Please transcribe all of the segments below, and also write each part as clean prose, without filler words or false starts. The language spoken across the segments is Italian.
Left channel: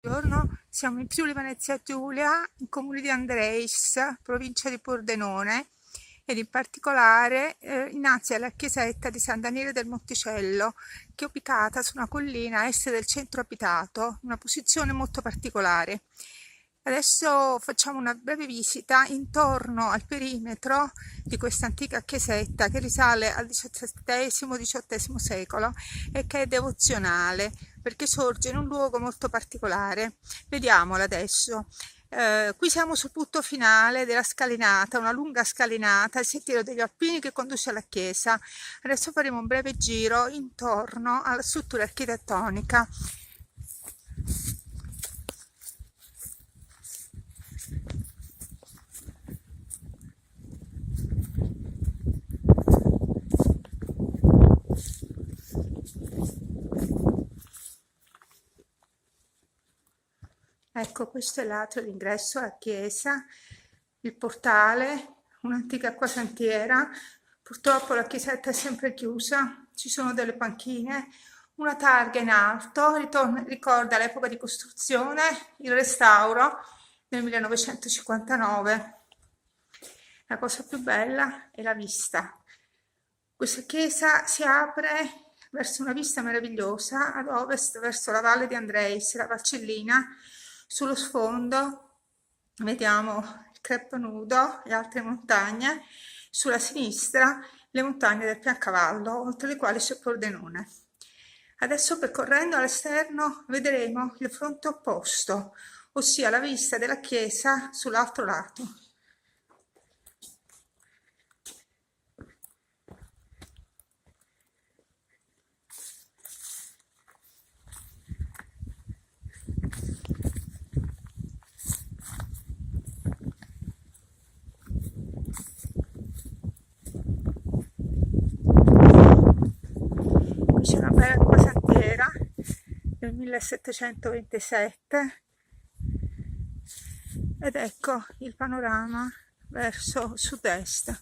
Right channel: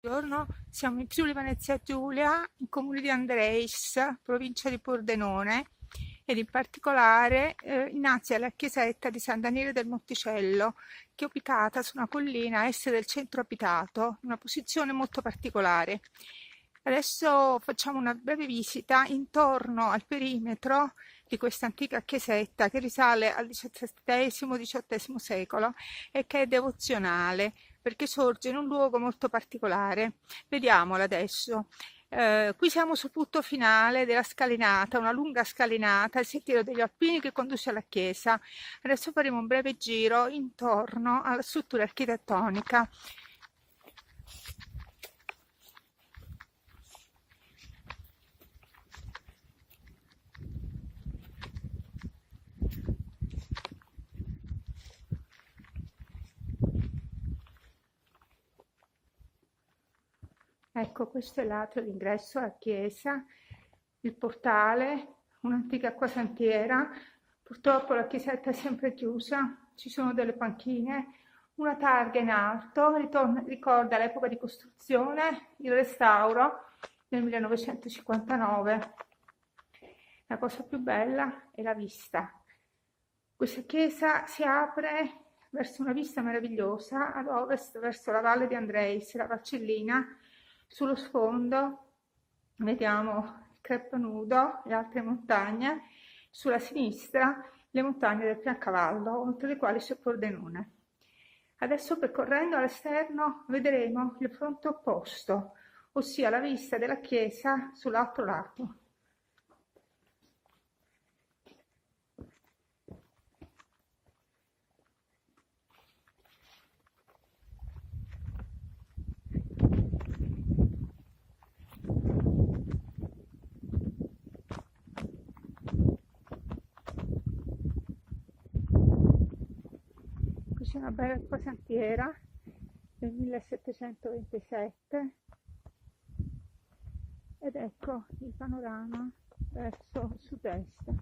Buongiorno, siamo in Friuli Venezia Giulia, in comune di Andreis, provincia di Pordenone, ed in particolare innanzi alla chiesetta di San Daniele del Monticello, che è ubicata su una collina a est del centro abitato, in una posizione molto particolare. Adesso facciamo una breve visita intorno al perimetro di questa antica chiesetta che risale al XVII-XVIII secolo e che è devozionale perché sorge in un luogo molto particolare. Vediamola adesso. Qui siamo sul punto finale della scalinata, una lunga scalinata, il sentiero degli Alpini che conduce alla chiesa. Adesso faremo un breve giro intorno alla struttura architettonica. Ecco, questo è l'atrio d'ingresso alla chiesa, il portale, un'antica acquasantiera. Purtroppo la chiesetta è sempre chiusa, ci sono delle panchine, una targa in alto, ricorda l'epoca di costruzione, il restauro nel 1959. La cosa più bella è la vista. Questa chiesa si apre verso una vista meravigliosa ad ovest, verso la valle di Andreis, la Valcellina. Sullo sfondo vediamo il Creppo Nudo e altre montagne, sulla sinistra le montagne del Piancavallo, oltre le quali c'è Pordenone. Adesso, percorrendo all'esterno, vedremo il fronte opposto, ossia la vista della chiesa sull'altro lato. C'è una bella acquasantiera del 1727 ed ecco il panorama verso sud-est.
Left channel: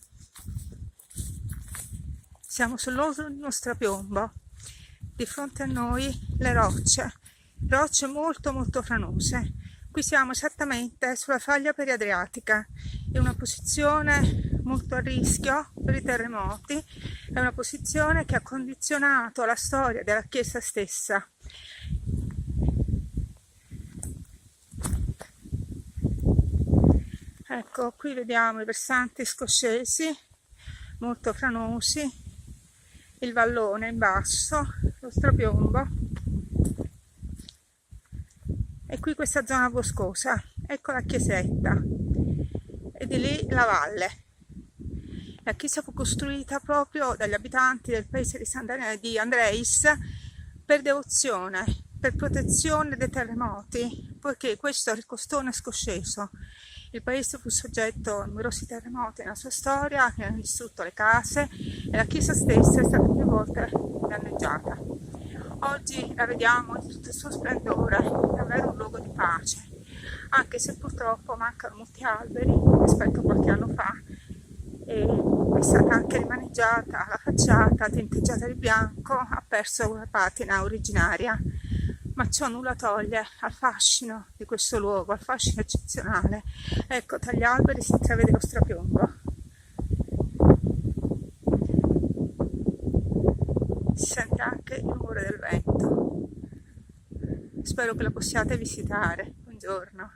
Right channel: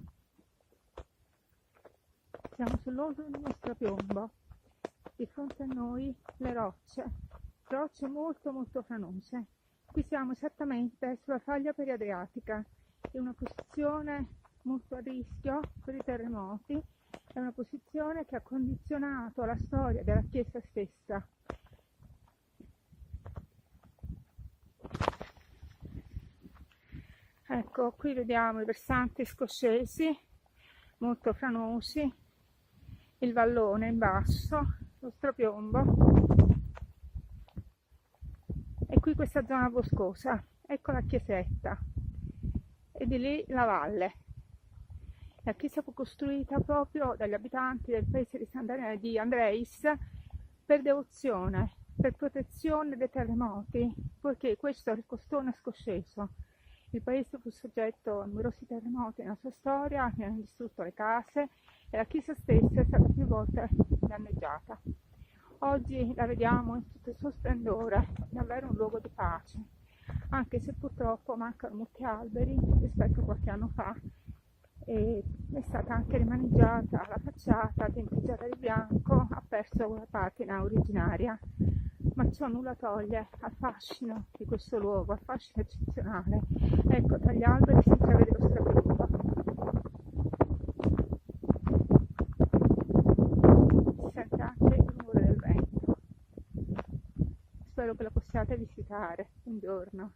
Siamo sull'orlo di uno strapiombo, di fronte a noi le rocce molto franose. Qui siamo esattamente sulla faglia periadriatica, in una posizione molto a rischio per i terremoti, è una posizione che ha condizionato la storia della chiesa stessa. Ecco, qui vediamo i versanti scoscesi, molto franosi, il vallone in basso, lo strapiombo, e qui questa zona boscosa. Ecco la chiesetta e di lì la valle. La chiesa fu costruita proprio dagli abitanti del paese di Andreis per devozione, per protezione dai terremoti, poiché questo era il costone scosceso. Il paese fu soggetto a numerosi terremoti nella sua storia, che hanno distrutto le case e la chiesa stessa è stata più volte danneggiata. Oggi la vediamo in tutto il suo splendore, è davvero un luogo di pace, anche se purtroppo mancano molti alberi rispetto a qualche anno fa. E è stata anche rimaneggiata la facciata, tinteggiata di bianco, ha perso una patina originaria, ma ciò nulla toglie al fascino di questo luogo, al fascino eccezionale. Ecco, tra gli alberi si intravede lo strapiombo. Si sente anche il rumore del vento. Spero che la possiate visitare. Buongiorno.